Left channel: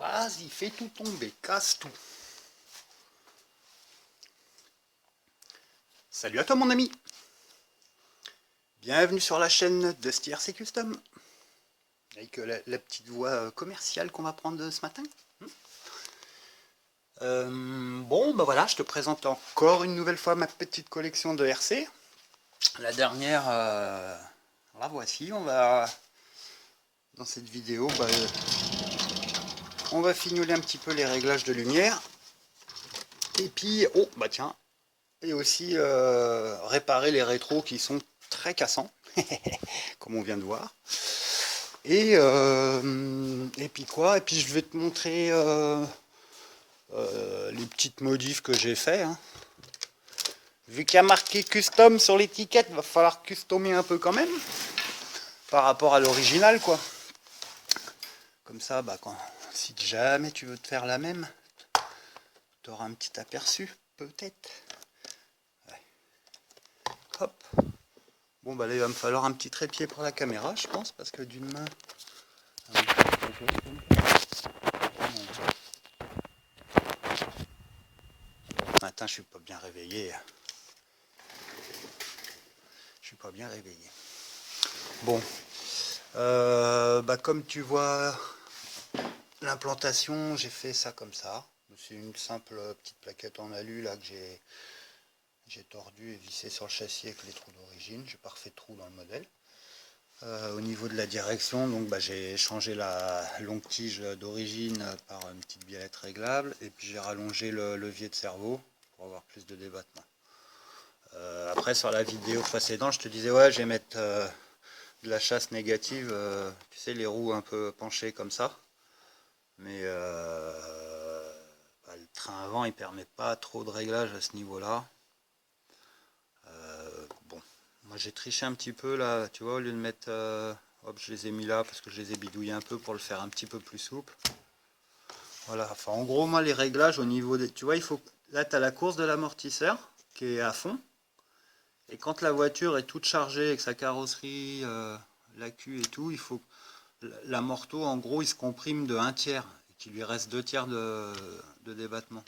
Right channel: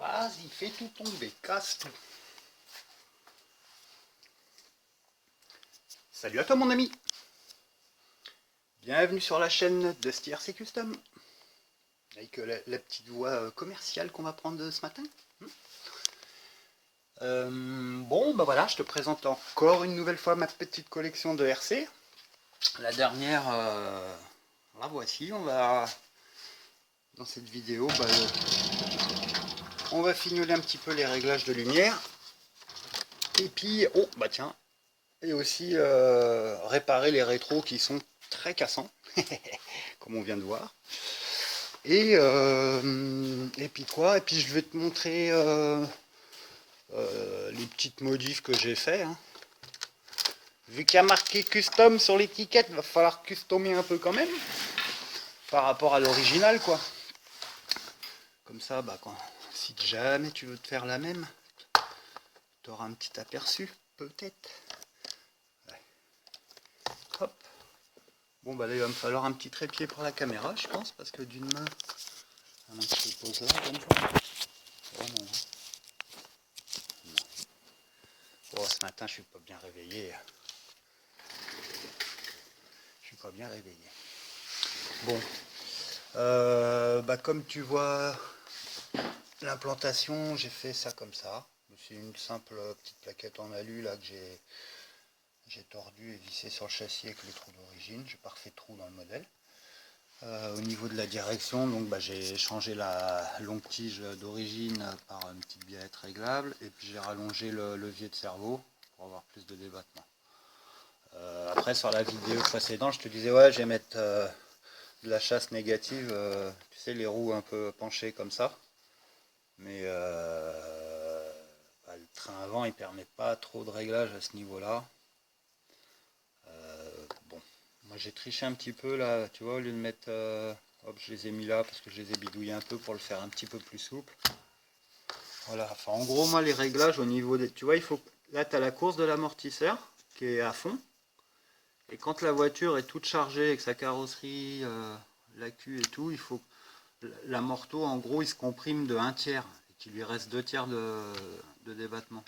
Vas-y, fais tout tomber, casse tout. Salut à toi mon ami. Bienvenue sur la chaîne de STRC Custom. Avec la petite voix commerciale qu'on va prendre ce matin. Bon, bah voilà, je te présente encore une nouvelle fois ma petite collection de RC. La dernière, la voici. Dans cette vidéo, on va fignoler un petit peu les réglages de lumière. Et puis, oh, bah tiens, et aussi réparer les rétros qui sont très cassants, comme on vient de voir. Et puis quoi? Et puis je vais te montrer les petites modifs que j'ai fait. Hein. Vu qu'il y a marqué custom sur l'étiquette, va falloir customer un peu quand même par rapport à l'original, quoi. Comme ça, bah, si jamais tu veux te faire la même, tu auras un petit aperçu, peut-être. Ouais. Hop. Bon, bah là, il va me falloir un petit trépied pour la caméra, je pense, parce que d'une main, on va se poser comme ça. Bon, ce matin, je suis pas bien réveillé. Je suis pas bien réveillé. Bon, bah comme tu vois, l'implantation, j'ai fait ça comme ça. C'est une simple petite plaquette en alu là que j'ai tordu et vissé sur le châssis avec les trous d'origine. J'ai pas refait de trous dans le modèle. Au niveau de la direction, donc j'ai changé la longue tige d'origine par une petite biellette réglable et puis j'ai rallongé le levier de cerveau pour avoir plus de débattement. Après sur la vidéo précédente, je te disais ouais, je vais mettre de la chasse négative, tu sais, les roues un peu penchées comme ça. Mais le train avant il permet pas trop de réglage à ce niveau là. Bon, moi j'ai triché un petit peu là, tu vois, au lieu de mettre hop, je les ai mis là parce que je les ai bidouillés un peu pour le faire un petit peu plus souple. Voilà, enfin en gros moi les réglages au niveau des, tu vois, il faut, là tu as la course de l'amortisseur qui est à fond, et quand la voiture est toute chargée avec sa carrosserie, l'accu et tout, il faut l'amorto en gros il se comprime de 1/3 et qu'il lui reste 2/3 de débattement.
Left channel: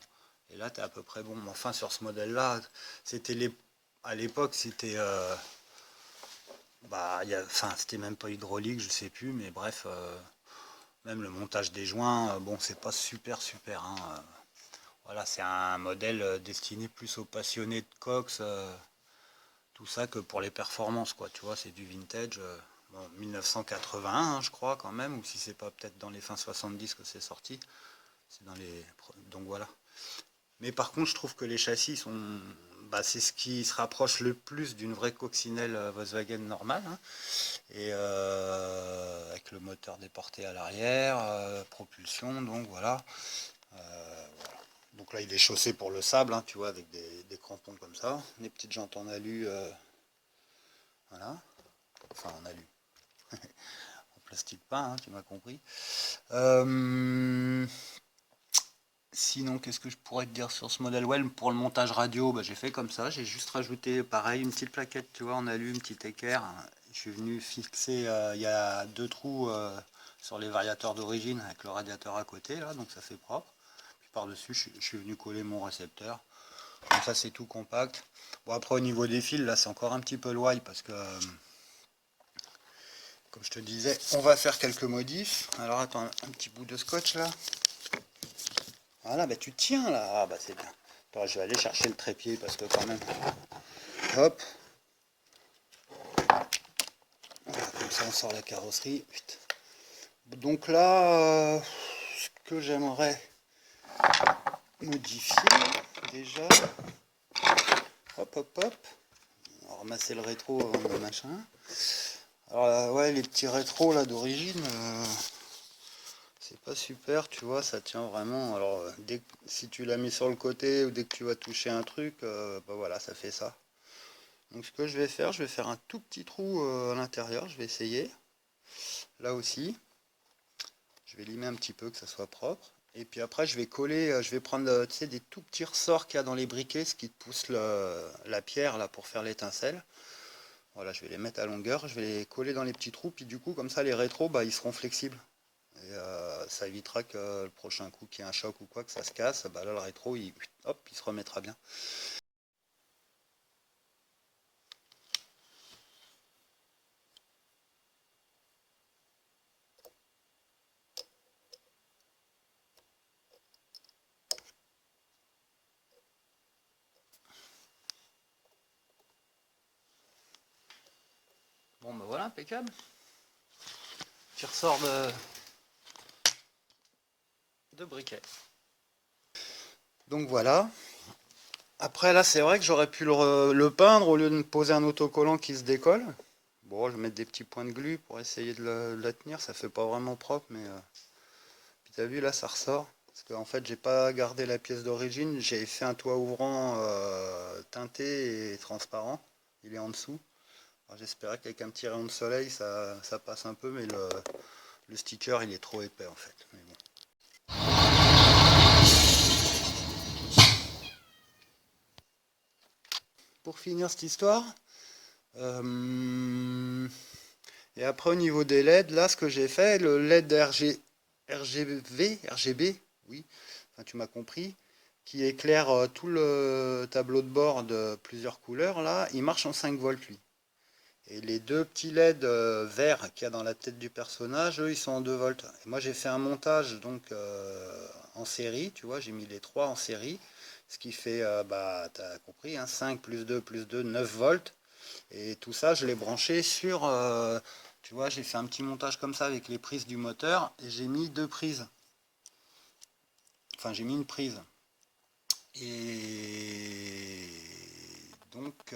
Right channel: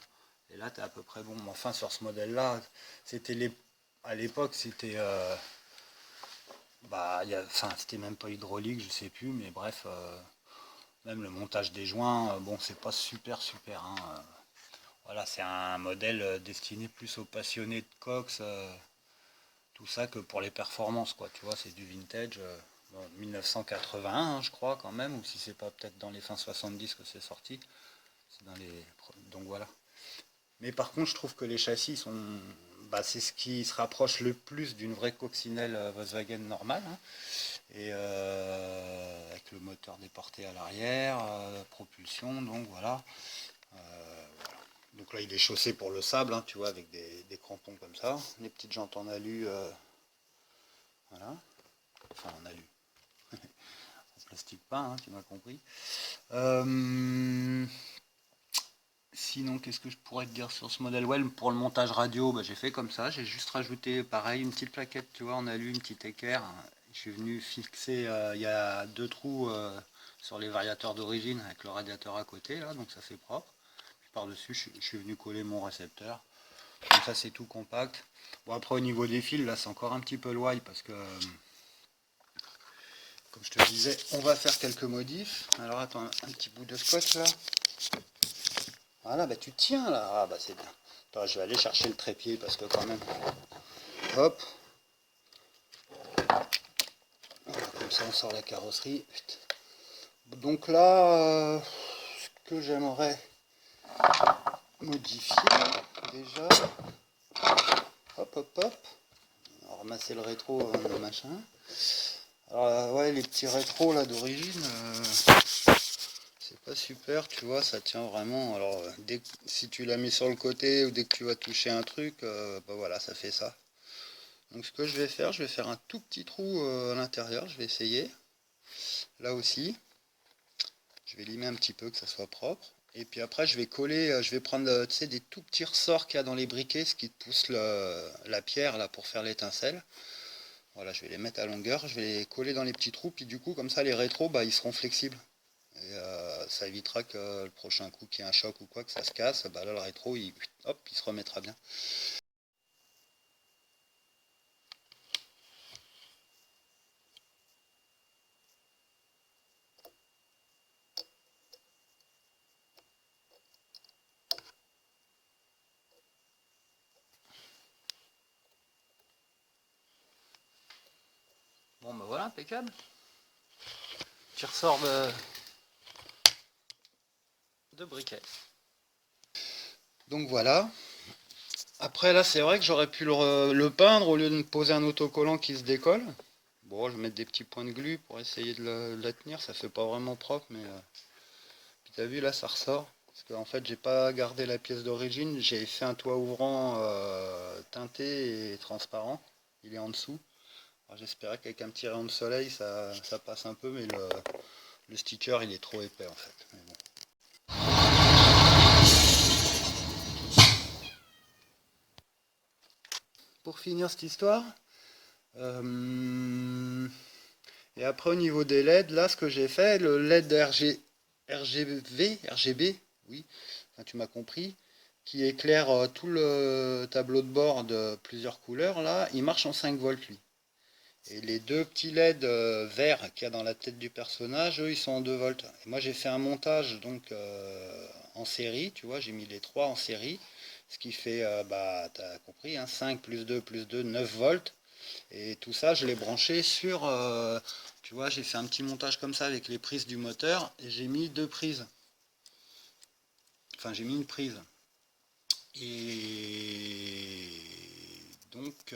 Et là tu es à peu près bon. Enfin sur ce modèle là, c'était à l'époque c'était enfin c'était même pas hydraulique, je sais plus, mais bref, même le montage des joints, bon c'est pas super hein. Voilà, c'est un modèle destiné plus aux passionnés de cox, tout ça, que pour les performances, quoi. Tu vois, c'est du vintage. Bon, 1981, hein, je crois, quand même, ou si c'est pas peut-être dans les fins 70 que c'est sorti. C'est dans les... Donc voilà. Mais par contre, je trouve que les châssis sont... Bah, c'est ce qui se rapproche le plus d'une vraie coccinelle Volkswagen normale. Hein. Et avec le moteur déporté à l'arrière, propulsion, donc voilà. Donc là, il est chaussé pour le sable, hein, tu vois, avec des crampons comme ça. Des petites jantes en alu, voilà. Enfin, en alu. En plastique pas, hein, tu m'as compris. Sinon, qu'est-ce que je pourrais te dire sur ce modèle? Ouais, pour le montage radio, bah, j'ai fait comme ça. J'ai juste rajouté, pareil, une petite plaquette, tu vois, en alu, une petite équerre. Je suis venu fixer, il y a 2 trous sur les variateurs d'origine avec le radiateur à côté, là, donc ça fait propre. Puis par-dessus, je suis venu coller mon récepteur. Donc ça, c'est tout compact. Bon, après, au niveau des fils, là, c'est encore un petit peu loin parce que... comme je te disais, on va faire quelques modifs. Alors attends, un petit bout de scotch là. Voilà, bah tu tiens là. Ah bah c'est bien. Attends, je vais aller chercher le trépied parce que quand même. Hop. Voilà, comme ça on sort la carrosserie. Putain. Donc là, ce que j'aimerais modifier déjà. Hop hop hop. On va ramasser le rétro avant le machin. Alors ouais, les petits rétros là d'origine. C'est pas super, tu vois, ça tient vraiment. Alors, si tu la mets sur le côté ou dès que tu vas toucher un truc, bah voilà, ça fait ça. Donc, ce que je vais faire un tout petit trou à l'intérieur. Je vais essayer. Là aussi, je vais limer un petit peu que ça soit propre. Et puis après, je vais coller, je vais prendre, tu sais, des tout petits ressorts qu'il y a dans les briquets, ce qui te pousse la pierre là pour faire l'étincelle. Voilà, je vais les mettre à longueur, je vais les coller dans les petits trous, puis du coup, comme ça, les rétros, bah, ils seront flexibles. Et ça évitera que le prochain coup qu'il y ait un choc ou quoi, que ça se casse, bah là, le rétro, hop, il se remettra bien. Bon, bah voilà, impeccable. Tu ressors de briquet. Donc voilà. Après là, c'est vrai que j'aurais pu le peindre au lieu de me poser un autocollant qui se décolle. Bon, je vais mettre des petits points de glu pour essayer de la tenir. Ça fait pas vraiment propre, mais puis t'as vu là, ça ressort. Parce qu'en fait, j'ai pas gardé la pièce d'origine. J'ai fait un toit ouvrant teinté et transparent. Il est en dessous. Alors, j'espérais qu'avec un petit rayon de soleil, ça passe un peu, mais le sticker, il est trop épais en fait. Mais bon. Pour finir cette histoire, et après au niveau des LED, là ce que j'ai fait, le LED RGB, oui, enfin, tu m'as compris, qui éclaire tout le tableau de bord de plusieurs couleurs, là, il marche en 5 volts lui. Et les deux petits LED verts qu'il y a dans la tête du personnage, eux, ils sont en 2 volts. Et moi, j'ai fait un montage donc en série, tu vois, j'ai mis les trois en série, ce qui fait, bah, tu as compris, hein, 5 plus 2, 9 volts. Et tout ça, je l'ai branché sur, tu vois, j'ai fait un petit montage comme ça avec les prises du moteur et j'ai mis deux prises. Enfin, j'ai mis une prise. Et donc,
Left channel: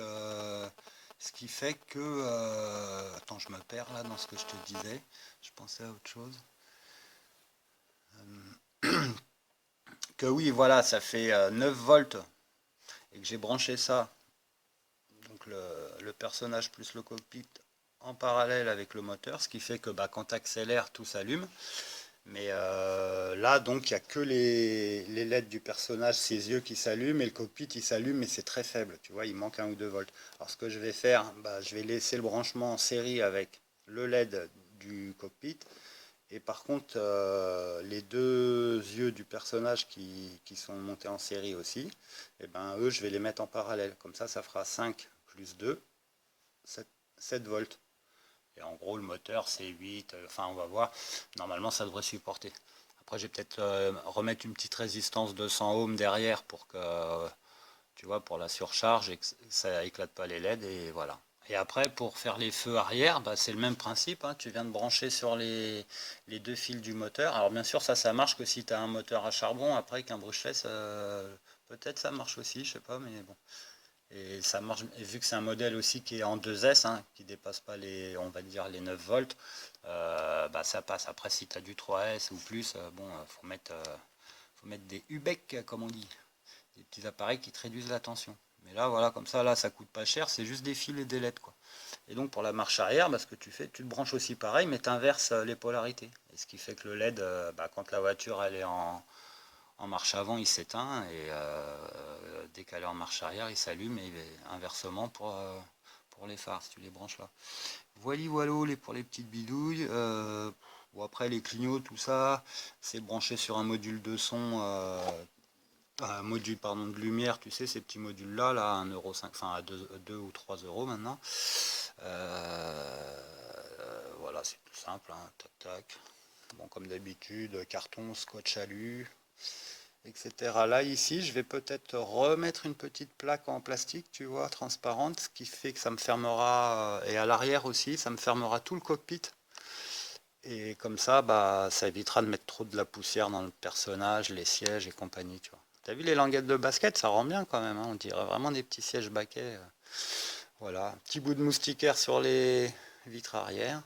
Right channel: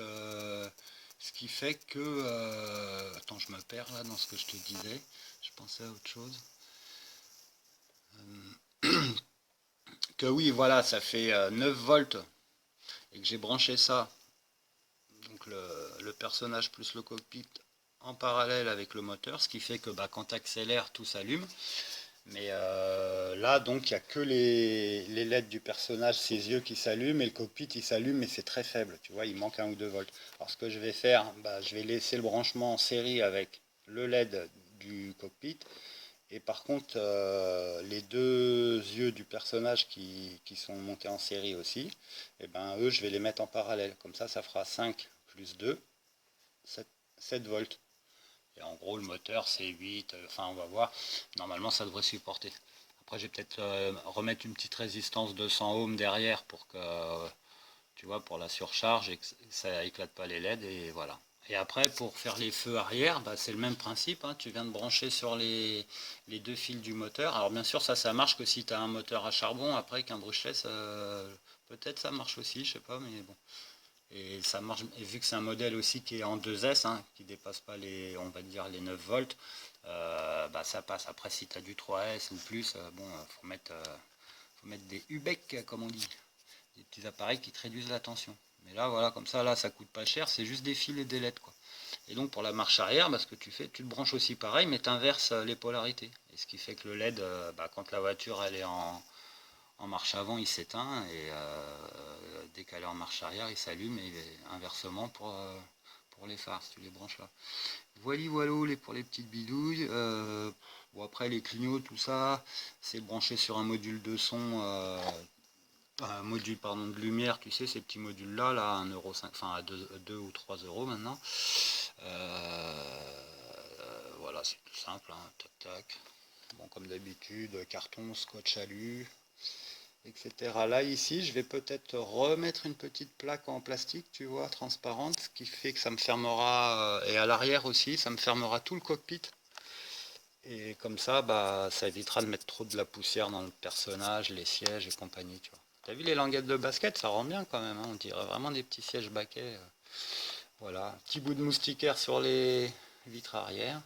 ce qui fait que... attends, je me perds là dans ce que je te disais. Je pensais à autre chose. Que oui, voilà, ça fait 9 volts et que j'ai branché ça. Donc le personnage plus le cockpit en parallèle avec le moteur, ce qui fait que bah, quand tu accélères, tout s'allume. Mais là, donc, il n'y a que les LED du personnage, ses yeux qui s'allument, et le cockpit, il s'allume, mais c'est très faible, tu vois, il manque 1 ou 2 volts. Alors, ce que je vais faire, bah, je vais laisser le branchement en série avec le LED du cockpit, et par contre, les deux yeux du personnage qui sont montés en série aussi, et ben, eux, je vais les mettre en parallèle. Comme ça fera 5 plus 2, 7 volts. Et en gros, le moteur, c'est 8. Enfin, on va voir. Normalement, ça devrait supporter. Après, je vais peut-être remettre une petite résistance de 100 ohms derrière pour que, tu vois, pour la surcharge et que ça éclate pas les LED. Et voilà. Et après, pour faire les feux arrière, bah, c'est le même principe, hein. Tu viens de brancher sur les deux fils du moteur. Alors, bien sûr, ça marche que si tu as un moteur à charbon. Après, qu'un brushless, peut-être ça marche aussi, je sais pas, mais bon. Et ça marche, et vu que c'est un modèle aussi qui est en 2S, hein, qui dépasse pas les, on va dire, les 9 volts, bah ça passe. Après, si tu as du 3S ou plus, bon, faut mettre des UBEC, comme on dit, des petits appareils qui te réduisent la tension. Mais là, voilà, comme ça, là, ça coûte pas cher, c'est juste des fils et des LED, quoi. Et donc, pour la marche arrière, bah, ce que tu fais, tu te branches aussi pareil, mais tu inverses les polarités. Et ce qui fait que le LED, bah, quand la voiture, elle est en marche avant, il s'éteint et dès qu'elle est en marche arrière, il s'allume et inversement pour les phares, si tu les branches là. Voilà, voilà pour les petites bidouilles. Bon, après, les clignots, tout ça, c'est branché sur un module de son, un module pardon, de lumière, tu sais, ces petits modules-là, là, 1,5 €, enfin à 2 ou 3 euros maintenant. Voilà, c'est tout simple, hein, tac, tac. Bon, comme d'habitude, carton, scotch alu, etc. Là, ici, je vais peut-être remettre une petite plaque en plastique, tu vois, transparente, ce qui fait que ça me fermera, et à l'arrière aussi, ça me fermera tout le cockpit. Et comme ça, bah, ça évitera de mettre trop de la poussière dans le personnage, les sièges et compagnie, tu vois. T'as vu les languettes de basket, ça rend bien quand même, hein, on dirait vraiment des petits sièges baquets. Voilà, un petit bout de moustiquaire sur les vitres arrière.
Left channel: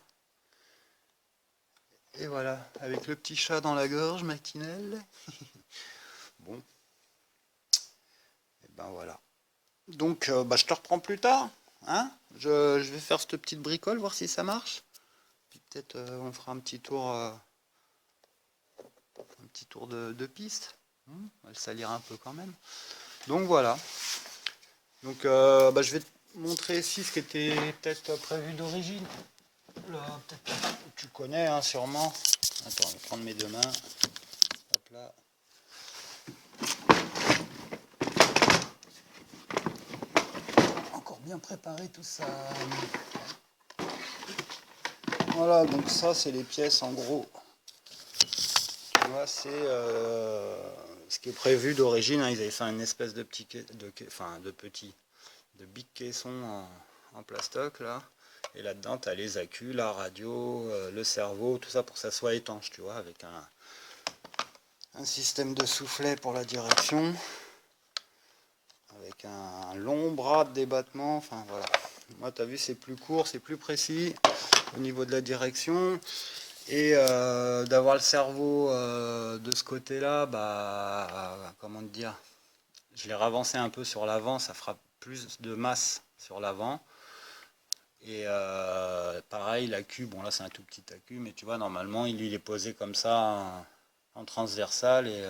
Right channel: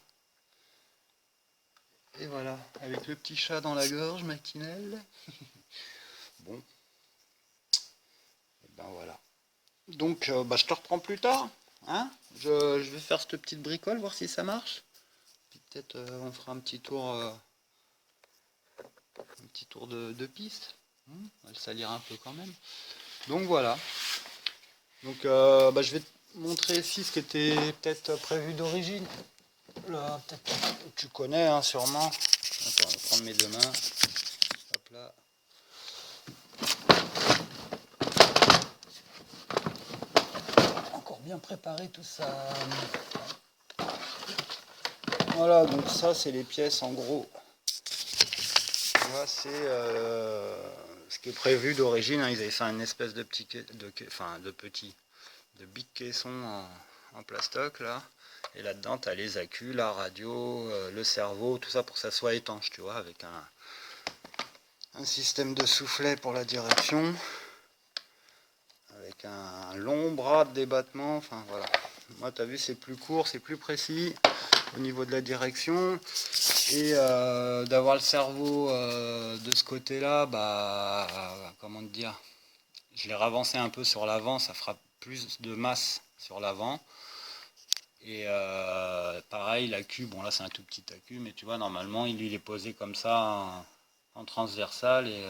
Et voilà, avec le petit chat dans la gorge matinale. Bon, et ben voilà. Donc, bah, je te reprends plus tard. Hein, je vais faire cette petite bricole, voir si ça marche. Puis peut-être on fera un petit tour petit tour de piste. On va le salir un peu quand même. Donc voilà. Donc je vais te montrer ici ce qui était peut-être prévu d'origine. Là, peut-être tu connais hein, sûrement. Attends, je vais prendre mes deux mains. Hop là. Encore bien préparé tout ça. Voilà, donc ça c'est les pièces en gros. Voilà, c'est ce qui est prévu d'origine. Hein. Ils avaient fait une espèce de big caisson en plastoc là. Et là-dedans, tu as les accus, la radio, le cerveau, tout ça pour que ça soit étanche, tu vois, avec un système de soufflet pour la direction, avec un long bras de débattement, enfin voilà. Moi, tu as vu, c'est plus court, c'est plus précis au niveau de la direction. Et d'avoir le cerveau de ce côté-là, comment te dire, je l'ai ravancé un peu sur l'avant, ça fera plus de masse sur l'avant. Et pareil, l'accu, bon là c'est un tout petit accu, mais tu vois, normalement il est posé comme ça en transversal. Et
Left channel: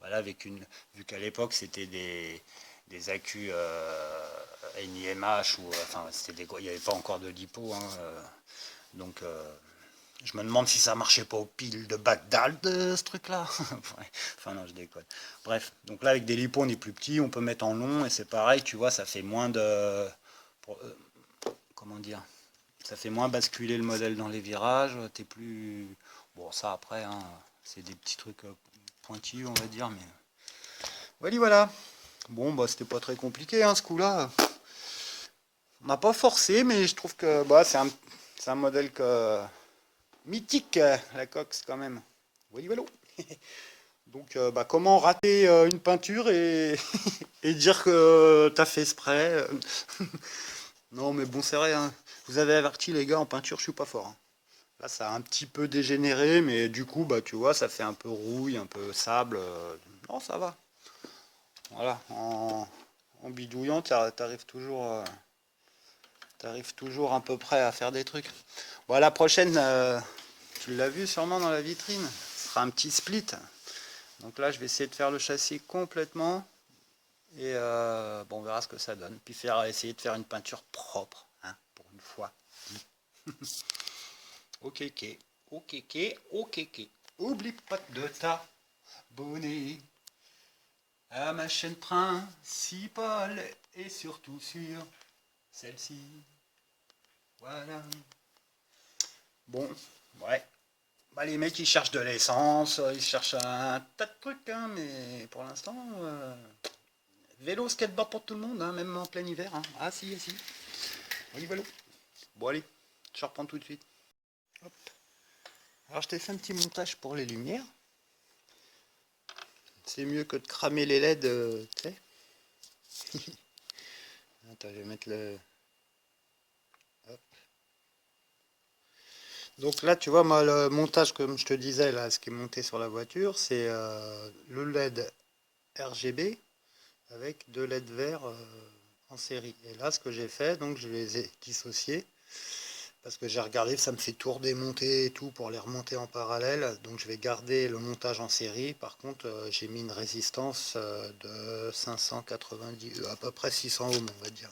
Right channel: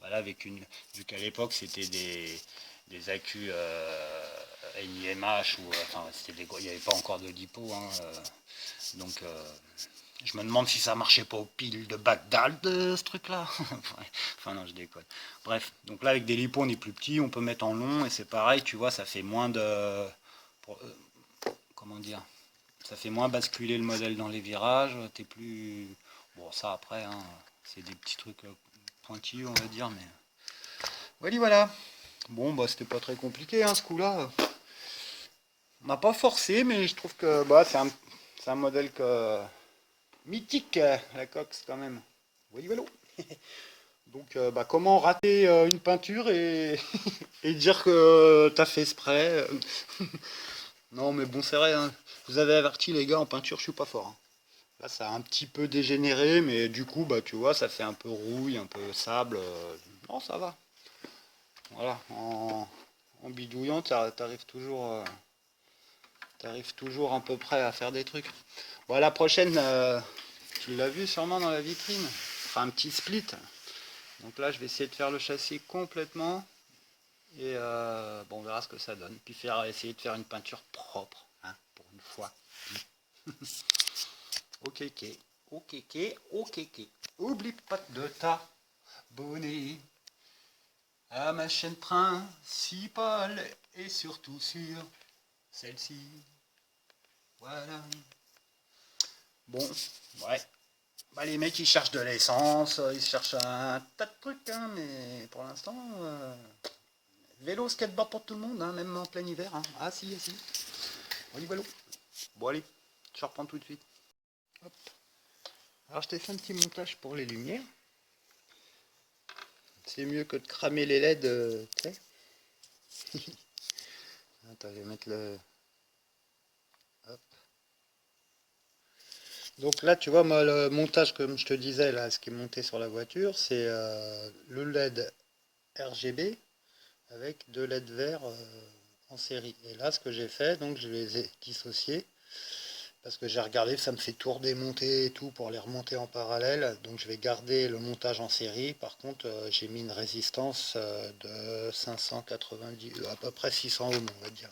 voilà, vu qu'à l'époque c'était des accus NIMH, enfin il n'y avait pas encore de lipo, hein, donc je me demande si ça marchait pas aux piles de Bagdad, ce truc-là. Enfin non, je déconne. Bref, donc là avec des lipos on est plus petit, on peut mettre en long, et c'est pareil, tu vois, ça fait moins de... comment dire, ça fait moins basculer le modèle dans les virages, t'es plus... Bon, ça après, hein, c'est des petits trucs pointilleux, on va dire, mais... Voilà. Bon, c'était pas très compliqué, hein, ce coup-là. On n'a pas forcé, mais je trouve que c'est un modèle mythique, la Cox, quand même. Voilà. Donc, comment rater une peinture et, et dire que t'as fait exprès. Non, mais bon, c'est vrai, hein. Je vous avais averti, les gars, en peinture, je suis pas fort. Hein. Là, ça a un petit peu dégénéré, mais du coup, tu vois, ça fait un peu rouille, un peu sable. Non, ça va. Voilà, en bidouillant, t'arrives toujours à peu près à faire des trucs. Bon, la prochaine, tu l'as vu sûrement dans la vitrine, ce sera un petit split. Donc là, je vais essayer de faire le châssis complètement. Et on verra ce que ça donne. Puis essayer de faire une peinture propre, hein, pour une fois. Ok. Oublie pas de t'abonner à ma chaîne principale et surtout sur celle-ci. Voilà. Bon, ouais. Les mecs ils cherchent de l'essence, ils cherchent un tas de trucs, hein, mais pour l'instant, vélo, skateboard pour tout le monde, hein, même en plein hiver. Hein. Ah si. Voilà. Bon allez, je reprends tout de suite. Hop. Alors je t'ai fait un petit montage pour les lumières. C'est mieux que de cramer les LED, tu sais. Attends, je vais mettre le... Hop. Donc là, tu vois, moi, le montage, comme je te disais, là, ce qui est monté sur la voiture, c'est le LED RGB avec deux LED verts en série. Et là, ce que j'ai fait, donc je les ai dissociés parce que j'ai regardé, ça me fait tout redémonter et tout pour les remonter en parallèle. Donc je vais garder le montage en série. Par contre, j'ai mis une résistance de 590, à peu près 600 ohms, on va dire.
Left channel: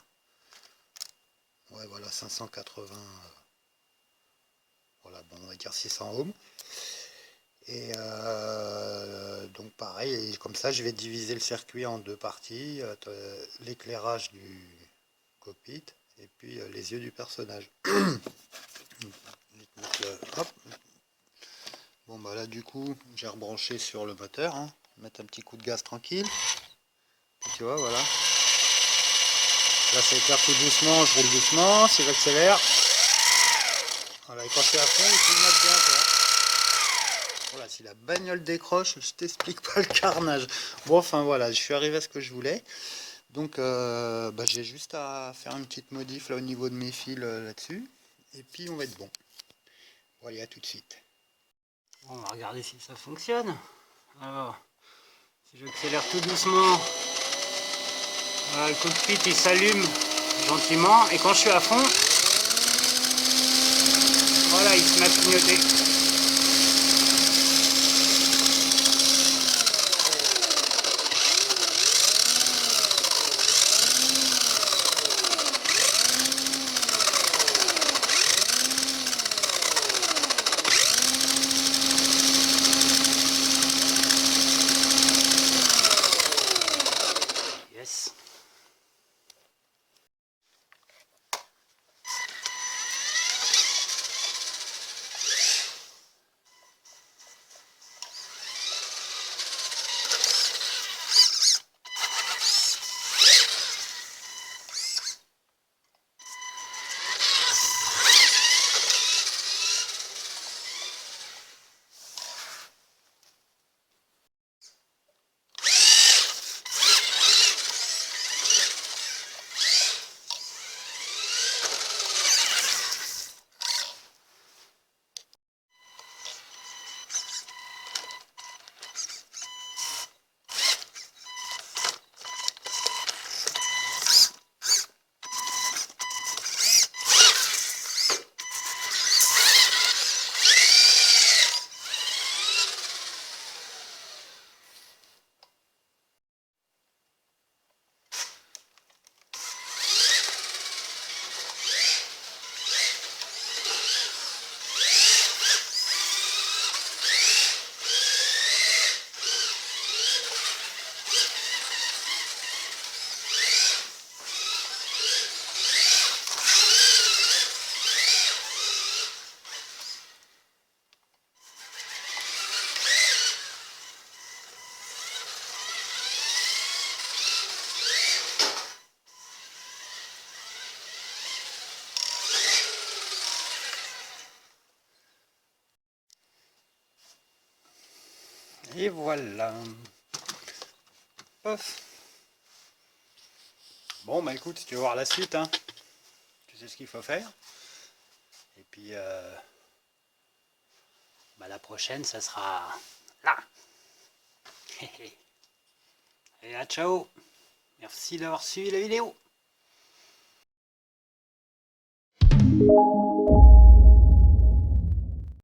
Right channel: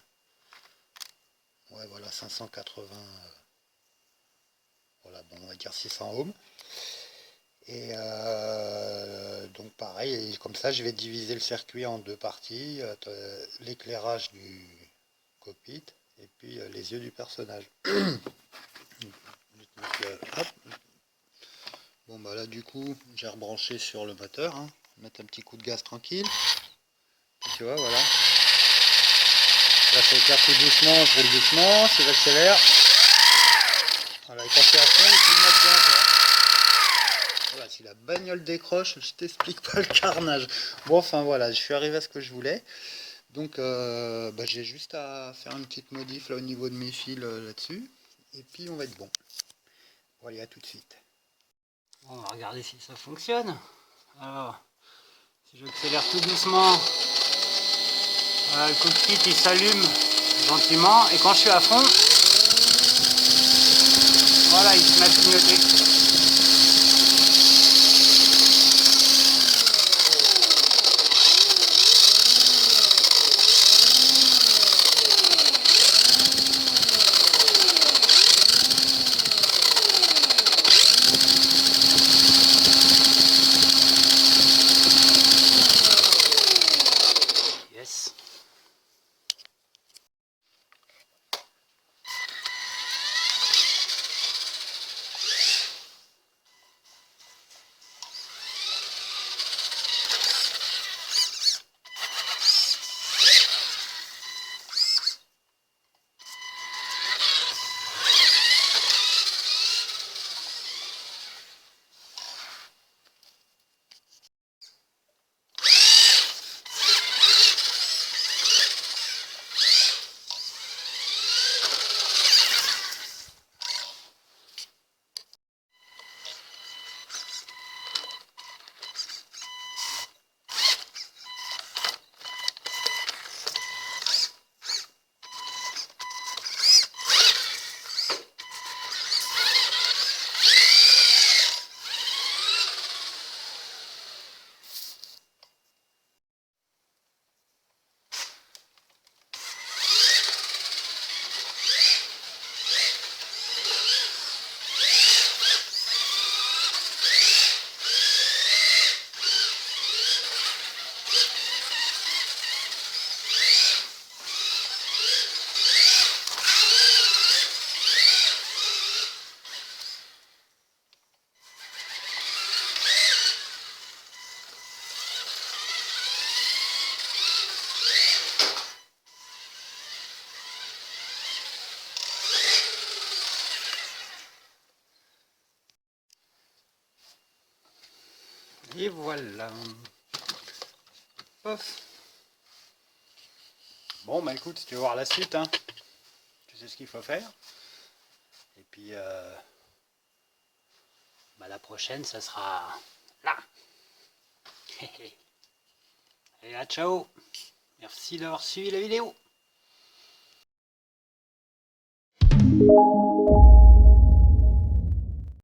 Ouais, voilà, 580. Voilà, bon, on va dire 600 ohms. Et donc pareil, comme ça, je vais diviser le circuit en deux parties. L'éclairage du cockpit et puis les yeux du personnage. Hop. Bon là du coup j'ai rebranché sur le moteur, hein. Mettre un petit coup de gaz tranquille. Puis, tu vois, voilà. Là ça éclaire tout doucement, je roule doucement, si j'accélère. Voilà, et quand c'est à fond, il filme bien, quoi. Voilà, si la bagnole décroche, je t'explique pas le carnage. Bon, enfin voilà, je suis arrivé à ce que je voulais. Donc j'ai juste à faire une petite modif là au niveau de mes fils là-dessus. Et puis on va être bon. Bon allez, à tout de suite. Bon, on va regarder si ça fonctionne. Alors, si j'accélère tout doucement, voilà, le cockpit il s'allume gentiment. Et quand je suis à fond, voilà, il se met à clignoter. Et voilà. Pof. Bon bah écoute, si tu veux voir la suite, hein, tu sais ce qu'il faut faire. Et puis bah, la prochaine, ça sera là. Et à ciao. Merci d'avoir suivi la vidéo.